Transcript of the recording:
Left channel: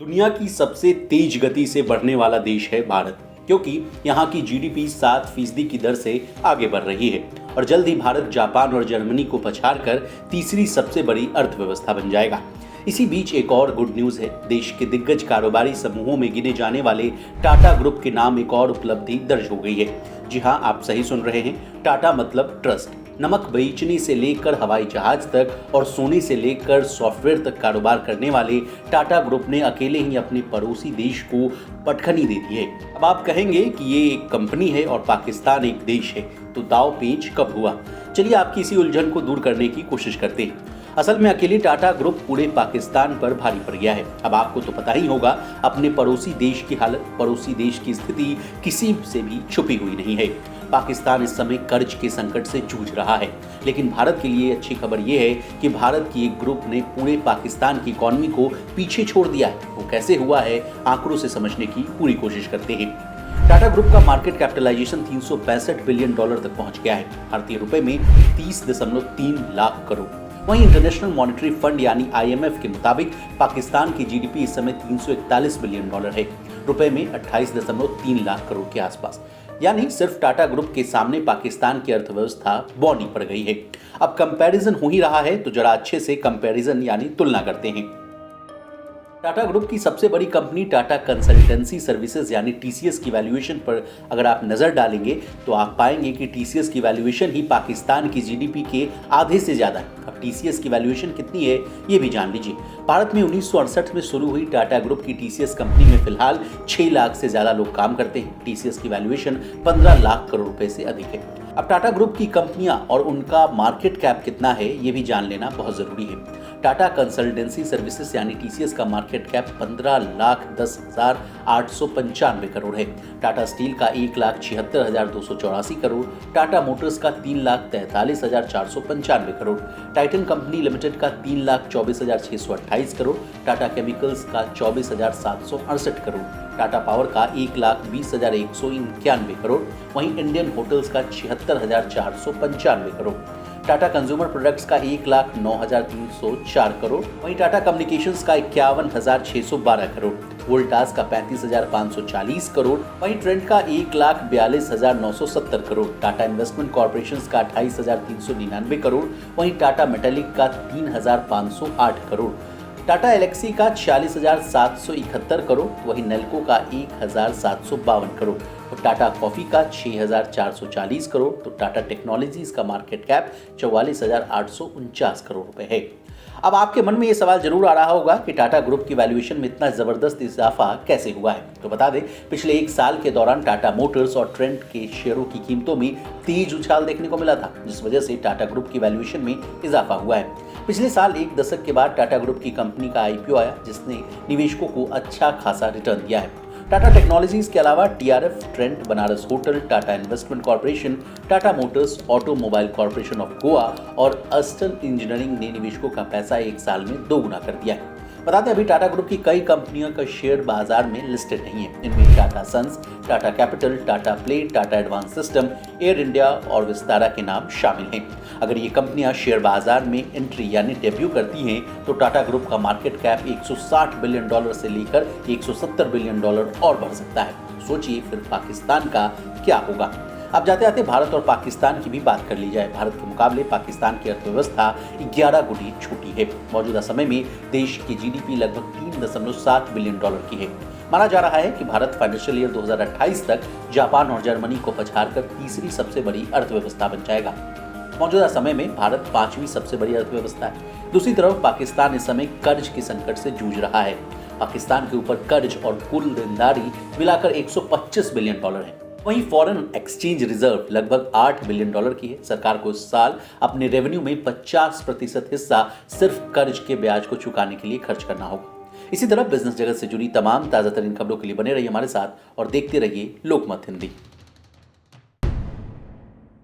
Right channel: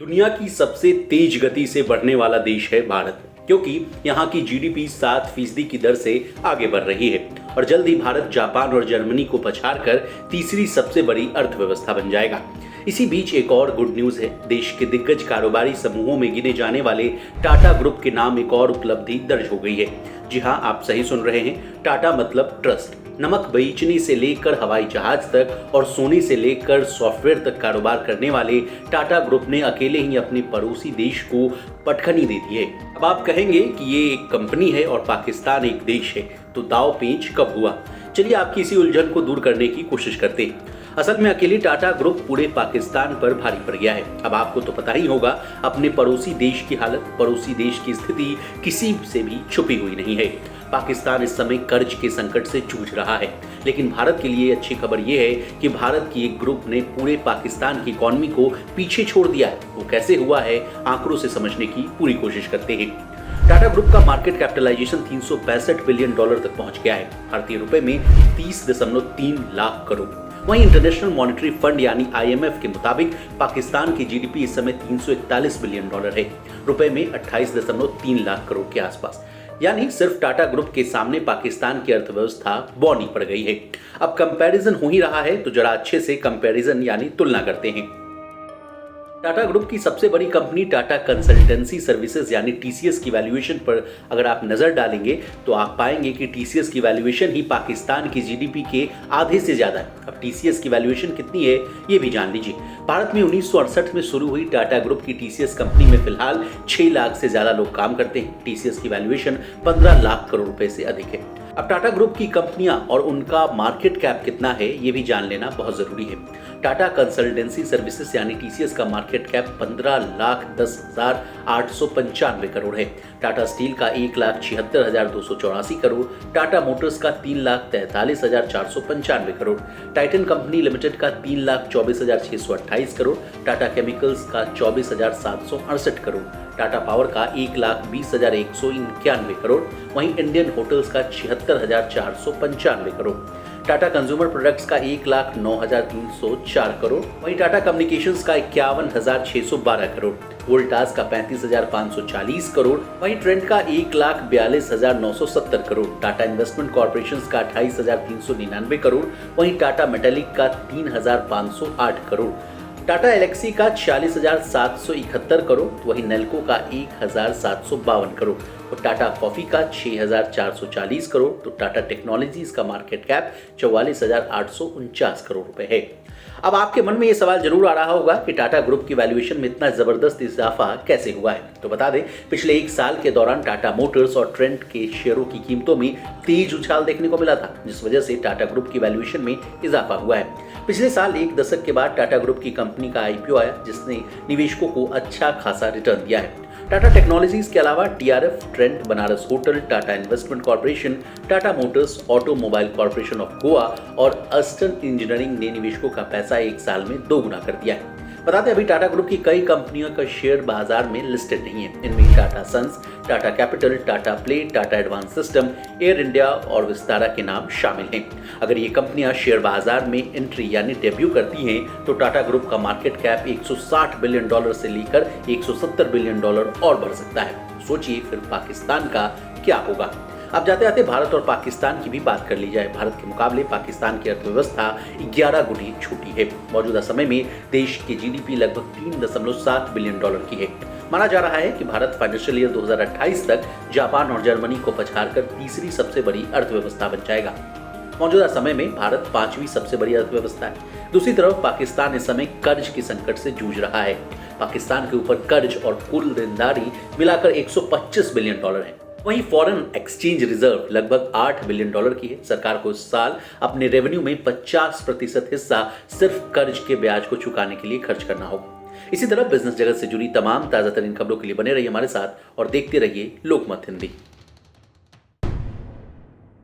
दुनिया की सबसे तेज गति से बढ़ने वाला देश है भारत, क्योंकि यहाँ की जीडीपी 7% की दर से आगे बढ़ रही है और जल्द ही भारत जापान और जर्मनी को पछाड़कर तीसरी सबसे बड़ी अर्थव्यवस्था बन जाएगा। इसी बीच एक और गुड न्यूज है। देश के दिग्गज कारोबारी समूहों में गिने जाने वाले टाटा ग्रुप के नाम एक और उपलब्धि दर्ज हो गई है। जी हाँ, आप सही सुन रहे हैं। टाटा मतलब ट्रस्ट। नमक बेचने से लेकर हवाई जहाज तक और सोने से लेकर सॉफ्टवेयर तक कारोबार करने वाले टाटा ग्रुप ने अकेले ही अपने पड़ोसी देश को पटखनी दे दी है। अब आप कहेंगे कि ये एक कंपनी है और पाकिस्तान एक देश है, तो दाव पेच कब हुआ? चलिए आपकी इसी उलझन को दूर करने की कोशिश करते हैं। असल में अकेले टाटा ग्रुप पूरे पाकिस्तान पर भारी पड़ गया है। अब आपको तो पता ही होगा, अपने पड़ोसी देश की हालत, पड़ोसी देश की स्थिति किसी से भी छुपी हुई नहीं है। पाकिस्तान इस समय कर्ज के संकट से जूझ रहा है, लेकिन भारत के लिए अच्छी खबर यह है कि भारत की एक ग्रुप ने पूरे पाकिस्तान की इकोनॉमी को पीछे छोड़ दिया है। वो कैसे हुआ है, आंकड़ों से समझने की पूरी कोशिश करते हैं। टाटा ग्रुप का मार्केट कैपिटलाइजेशन $365 बिलियन तक पहुंच गया है, भारतीय रुपए में 30.3 लाख करोड़। वहीं इंटरनेशनल मॉनेटरी फंड यानी IMF के मुताबिक पाकिस्तान की जीडीपी इस समय $341 बिलियन है, रुपए में 28.3 लाख करोड़ के आसपास। यानी सिर्फ टाटा ग्रुप के सामने पाकिस्तान की अर्थव्यवस्था बौनी पड़ गई है। अब कंपैरिजन हो ही रहा है, तो जरा अच्छे से कंपैरिजन यानी तुलना करते हैं। टाटा ग्रुप की सबसे बड़ी कंपनी टाटा कंसल्टेंसी सर्विसेज यानी TCS की वैल्यूएशन पर अगर आप नजर डालेंगे तो आप पाएंगे कि TCS की वैल्यूएशन ही पाकिस्तान की जीडीपी के आधे से ज्यादा है। अब TCS की वैल्यूएशन कितनी है ये भी जान लीजिए। भारत में 1968 में शुरू हुई टाटा ग्रुप की TCS कंपनी में फिलहाल 6 लाख से ज्यादा लोग काम करते हैं। TCS की वैल्यूएशन 15 लाख करोड़ रुपए से अधिक है। अब टाटा ग्रुप की कंपनियां और उनका मार्केट कैप कितना है ये भी जान लेना बहुत जरूरी है। टाटा कंसल्टेंसी सर्विसेज यानी TCS का मार्केट कैप 15,10,895 करोड़ है। टाटा स्टील का 1,76,284 करोड़, टाटा मोटर्स का 3,43,495 करोड़, टाइटन कंपनी लिमिटेड का 3,24,628 करोड़, टाटा केमिकल्स का 24,768 करोड़, टाटा पावर का 1,20,191 करोड़, वहीं इंडियन होटल्स का 76,495 करोड़, टाटा कंज्यूमर प्रोडक्ट्स का 1,09,304 करोड़, वहीं टाटा कम्युनिकेशंस का 51,612 करोड़, वोल्टास का 35,540 करोड़, वहीं ट्रेंड का 1,42,970 करोड़, टाटा इन्वेस्टमेंट कॉर्पोरेशन का 28,399 करोड़, वहीं टाटा मेटालिक का 3,508 करोड़, टाटा एलेक्सी का 46,771 करोड़, वहीं नेल्को का 1,752 करोड़ और टाटा कॉफी का 6,440 करोड़। तो टाटा टेक्नोलॉजीज का मार्केट कैप 44,849 करोड़ रुपए है। अब आपके मन में ये सवाल जरूर आ रहा होगा कि टाटा ग्रुप की वैल्यूएशन में इतना जबरदस्त इजाफा कैसे हुआ है। तो बता दें, पिछले एक साल के दौरान टाटा मोटर्स और ट्रेंड के शेयरों की कीमतों में तेज उछाल देखने को मिला था, जिस वजह से टाटा ग्रुप की वैल्यूएशन में इजाफा हुआ है। पिछले साल एक दशक के बाद टाटा ग्रुप की कंपनी का IPO आया, जिसने निवेशकों को अच्छा खासा रिटर्न दिया है। टाटा टेक्नोलॉजीज के अलावा TRF, trend, Banaras hotel, Tata investment corporation, Tata Motors, automobile corporation of Goa और अस्टन इंजीनियरिंग ने निवेशकों का पैसा एक साल में 2 गुना कर दिया है। बताते हैं, अभी टाटा ग्रुप की कई कंपनियों का शेयर बाजार में लिस्टेड नहीं है। इनमें Tata Sons, Tata Capital, Tata Play, Tata Advance System, Air India और विस्तारा के नाम शामिल हैं। अगर ये कंपनियां शेयर बाजार में एंट्री यानी डेब्यू करती हैं तो टाटा ग्रुप का मार्केट कैप $160 बिलियन से लेकर $170 बिलियन और बढ़ सकता है। सोचिए फिर पाकिस्तान का क्या होगा। अब जाते जाते भारत और पाकिस्तान की भी बात कर ली जाए। भारत के मुकाबले पाकिस्तान की अर्थव्यवस्था 11 गुनी छोटी है। मौजूदा समय में देश की जीडीपी लगभग $3.7 बिलियन की है। माना जा रहा है कि भारत फाइनेंशियल ईयर 2028 तक जापान और जर्मनी को पछाड़कर तीसरी सबसे बड़ी अर्थव्यवस्था बन जाएगा। मौजूदा समय में भारत 5वीं सबसे बड़ी अर्थव्यवस्था है। दूसरी तरफ पाकिस्तान इस समय कर्ज के संकट से जूझ रहा है। पाकिस्तान के ऊपर कर्ज और कुल देनदारी मिलाकर $125 बिलियन है। वहीं फॉरेन एक्सचेंज रिजर्व लगभग $8 बिलियन की है। सरकार को इस साल अपने रेवेन्यू में 50% हिस्सा सिर्फ कर्ज के ब्याज को चुकाने के लिए खर्च करना होगा। इसी तरह बिजनेस जगत से जुड़ी तमाम ताजा तरीन खबरों के लिए बने रहिए हमारे साथ और देखते रहिए लोकमत हिंदी।